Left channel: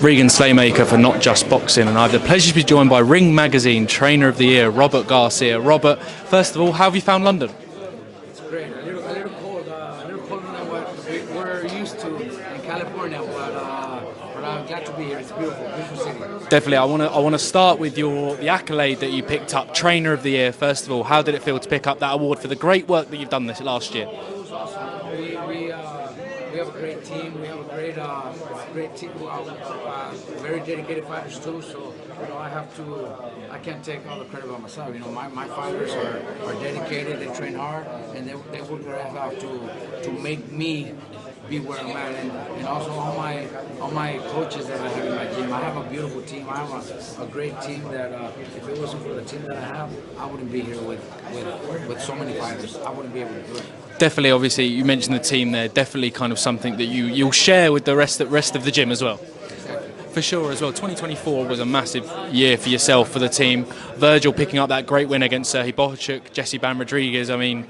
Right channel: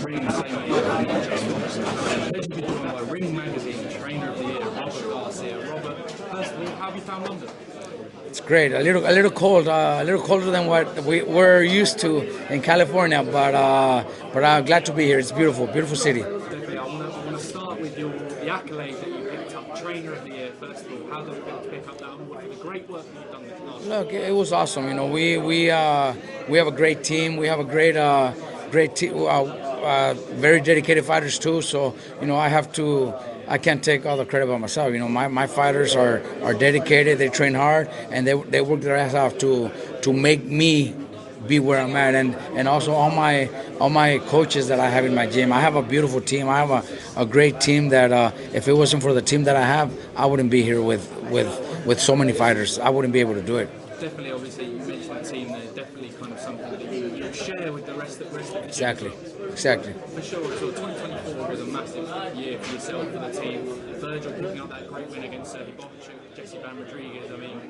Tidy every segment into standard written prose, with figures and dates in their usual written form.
Regan Slaymaker for Notjustboxing, and I have the pleasure to be joined by Ring Magazine Trainer of the Year, Robert Garcia. Robert, first of all, how have you found London? It's great. A little cold, a little colder than what we're used to in California, but I'm glad to be here. It's beautiful, beautiful city. Definitely. I want to start with the accolade that you picked up, Trainer of the Year. First of all, how did it feel to pick up that award for the great work that you've done this last year? It was awesome. You know, we have a great team. We have a great team, very dedicated fighters too. So you know, I can't take all the credit by myself. You know, my fighters are dedicated. They train hard, and they work their ass off to make me be where I'm at, and also all my coaches that I have in my gym. I have a beautiful team. I have a great team that if it wasn't for the team that I have, I wouldn't be here with so many fighters. I wouldn't be able to do it. Definitely, obviously, you mentioned the team there. Definitely, kind of something that you'll share with the rest of the gym as well. Exactly. For sure as well. 2024 was a massive year for yourself, for the team. Vergil picking up that great win against Serhii Bohachuk, Jesse Bam Rodriguez. I mean,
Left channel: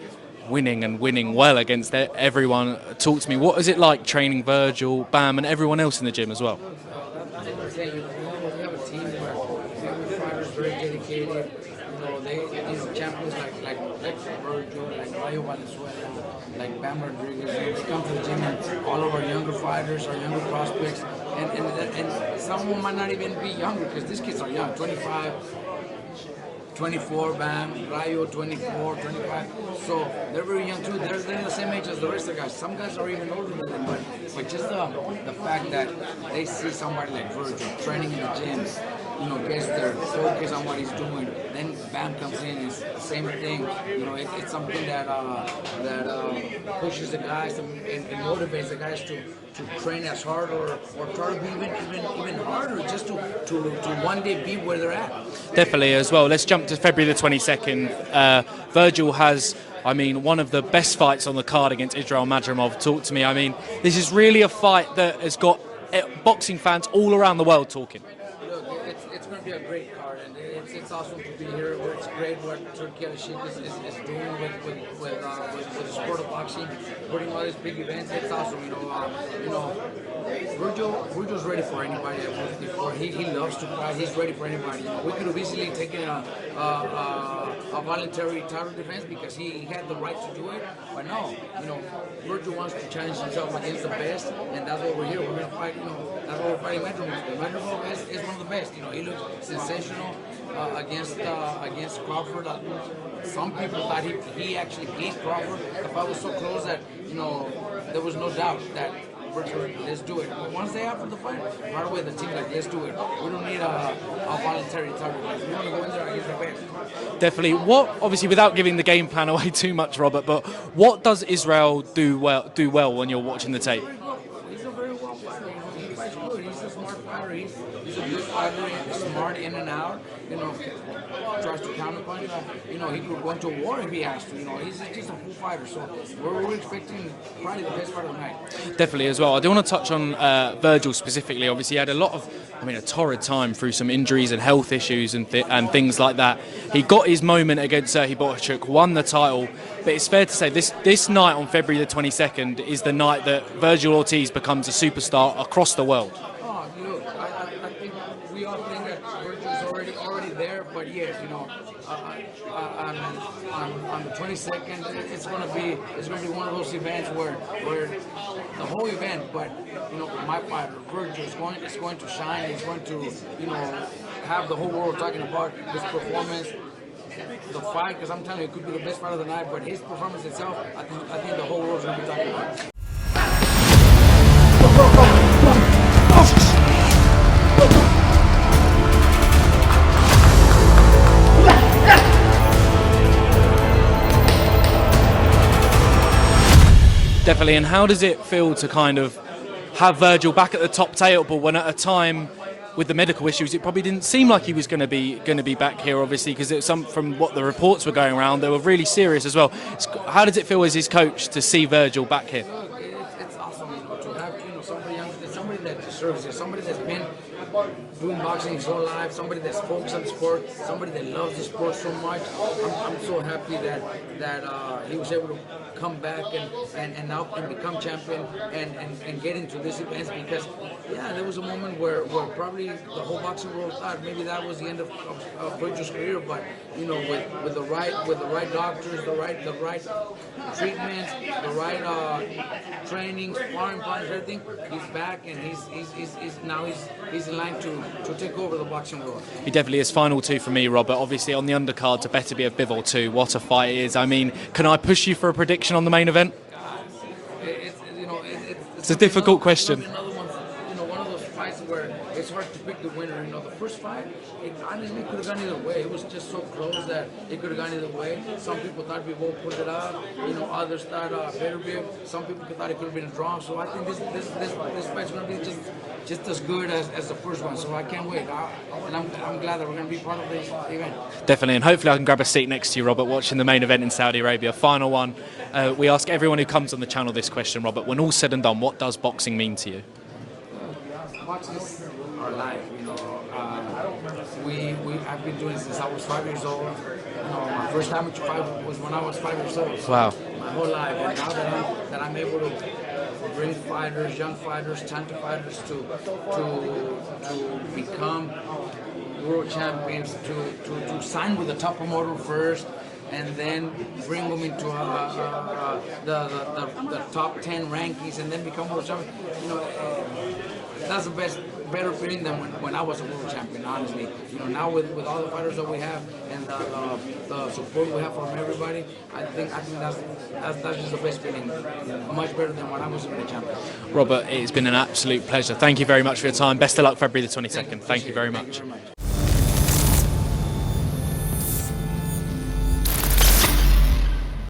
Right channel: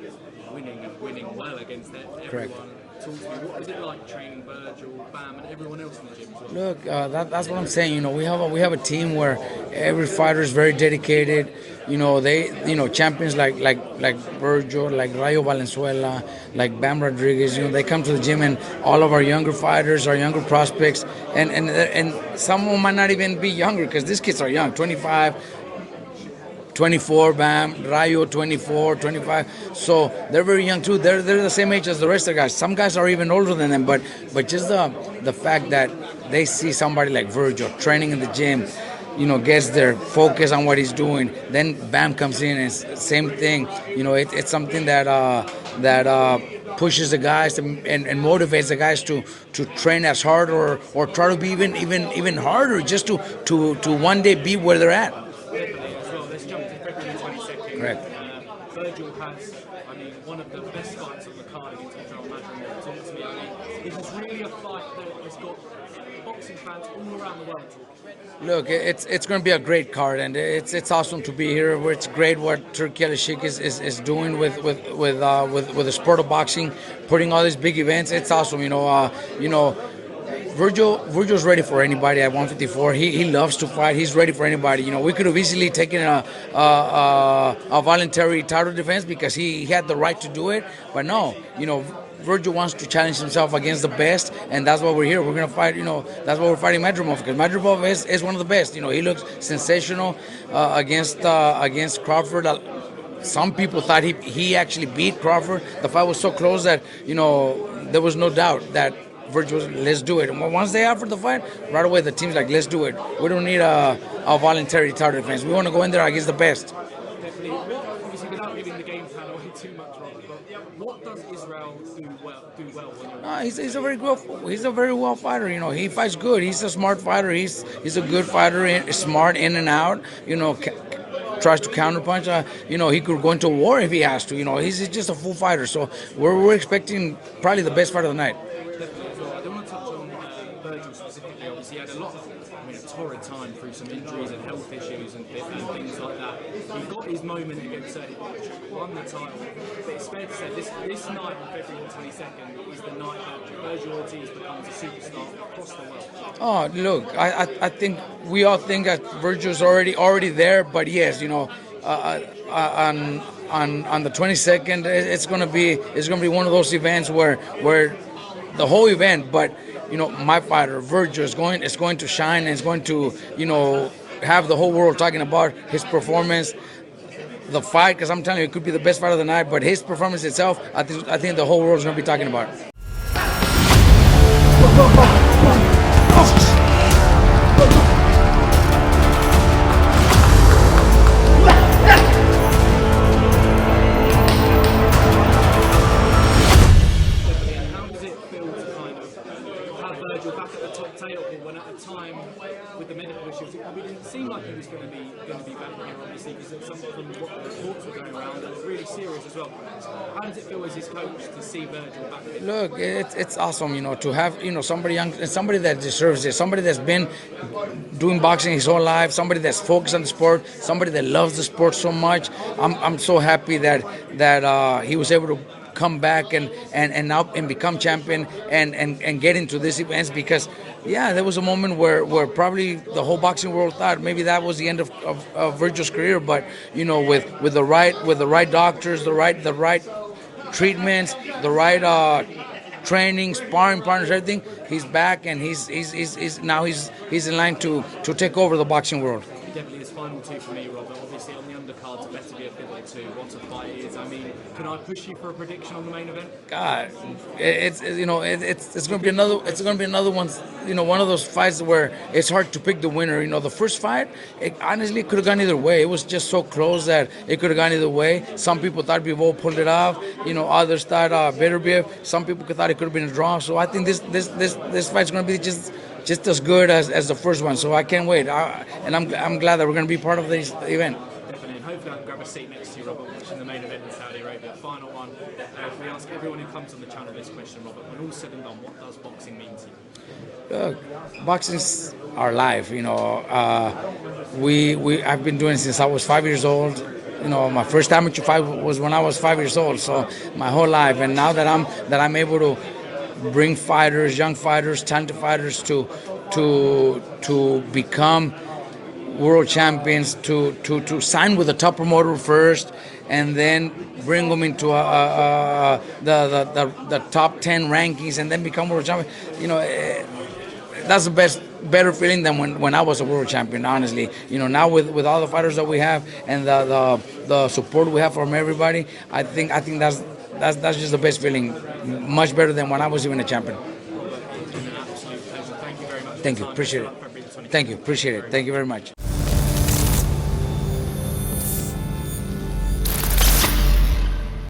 winning well against everyone. Talk to me. What is it like training Vergil, Bam, and everyone else in the gym as well? Look, that's what I'm saying. You know, we have a team where every fighter is very dedicated. You know, champions like Vergil, like Rayo Valenzuela, like Bam Rodriguez. You know, they come to the gym, and all of our younger fighters, our younger prospects, and some of them might not even be younger because these kids are young, 25. 24, Bam, Rayo, 24, 25. So they're very young too. They're the same age as the rest of the guys. Some guys are even older than them, but just the fact that they see somebody like Vergil training in the gym, you know, gets their focus on what he's doing. Then Bam comes in, and same thing. You know, it's something that pushes the guys and motivates the guys to train as hard or try to be even harder, just to one day be where they're at. Definitely as well. Let's jump to February the 22nd. Right. Vergil has, I mean, one of the best fights on the card against Israil Madrimov. Talk to me. I mean, this is really a fight that has got boxing fans all around the world talking. Look, it's going to be a great card, and it's awesome to be here. It's great what Turki Alishik is doing with the sport of boxing, putting all these big events. It's awesome, you know. Vergil's ready for anybody at 154. He loves to fight. He's ready for anybody. You know, we could have easily taken a voluntary title defense because he had the right to do it, but no, you know. Vergil wants to challenge himself against the best, and that's why we're here. We're going to fight, you know, that's why we're fighting Madrimov, because Madrimov is one of the best. You know, he looks sensational against Crawford. Some people thought he actually beat Crawford. The fight was so close that, you know, there was no doubt that Vergil was, let's do it. And once they offered the fight, right away the team's like, let's do it. We don't need a voluntary title defense. We want to go in there against the best. Definitely. Obviously, without giving the game plan away too much, Robert, but what does Israil do well when you're watching the tape? He's a very well fighter. You know, he fights good. He's a smart fighter. He's a good fighter. Smart in and out. You know, tries to counterpunch. You know, he could go into war if he has to. You know, he's just a full fighter. So we're expecting probably the best fight of the night. Definitely as well. I do want to touch on Vergil specifically. Obviously, he had a torrid time through some injuries and health issues and things like that. He got his moment against Serhii Bohachuk, won the title, but it's fair to say this night on February the 22nd is the night that Vergil Ortiz becomes a superstar across the world. Oh, look, I think we all think that Vergil's already there, but yes, you know, on the 22nd, it's gonna be one of those events where the whole event, but you know, my fighter Vergil is going to shine, and is going to, you know, have the whole world talking about his performance, the fight, because I'm telling you, it could be the best fight of the night, but his performance itself, I think the whole world is going to be talking about. Definitely. And how does it feel to kind of have Vergil back at the top table when at a time with the medical issues, it probably didn't seem like he was going to be back here, obviously, because from what the reports were going around, they were really serious as well. How does it feel as his coach to see Vergil back here? Look, it's awesome, you know, to have, you know, somebody young, somebody that deserves it, somebody that's been doing boxing his whole life, somebody that's focused on the sport, somebody that loves the sport so much. I'm so happy that he was able to come back and now become champion and get into these events, because Yeah, there was a moment where probably the whole boxing world thought maybe that was the end of Vergil's career. But with the right doctors, the right treatments, the right training, sparring partners, everything, he's back, and he's now in line to take over the boxing world. He definitely is. Final two for me, Robert. Obviously on the undercard to Beterbiev Bivol II. What a fight it is. I mean, can I push you for a prediction on the main event? God, it's a difficult question. It's gonna be another one. One of those fights where it's hard to pick the winner. The first fight, honestly, it could have gone either way. It was just so close that it could have gone either way. Some people thought Bivol pulled it off. Others thought Beterbiev. Some people thought it could have been a draw. So I think this fight's gonna be just as good as the first one. So I can't wait. And I'm glad that we're gonna be part of this event. Definitely, and hopefully I can grab a seat next to you, Robert, watching the main event in Saudi Arabia. Final one. We ask everyone who comes on the channel this question, Robert. When all's said and done, what does boxing mean to you? Boxing's our life. I've been doing it since I was 5 years old. My first amateur fight was when I was 5 years old. So wow. My whole life, and now that I'm able to bring fighters, young fighters, talented fighters to become world champions, to sign with the top promoter first, and then bring them into the top 10 rankings, and then become world champion. That's the better feeling than when I was a world champion, honestly. Now with all the fighters that we have and the support we have from everybody, I think that's just the best feeling. Much better than when I was even a champion. Robert, it's been an absolute pleasure. Thank you very much for your time. Best of luck February the 22nd. Thank you. Appreciate it. Thank you very much.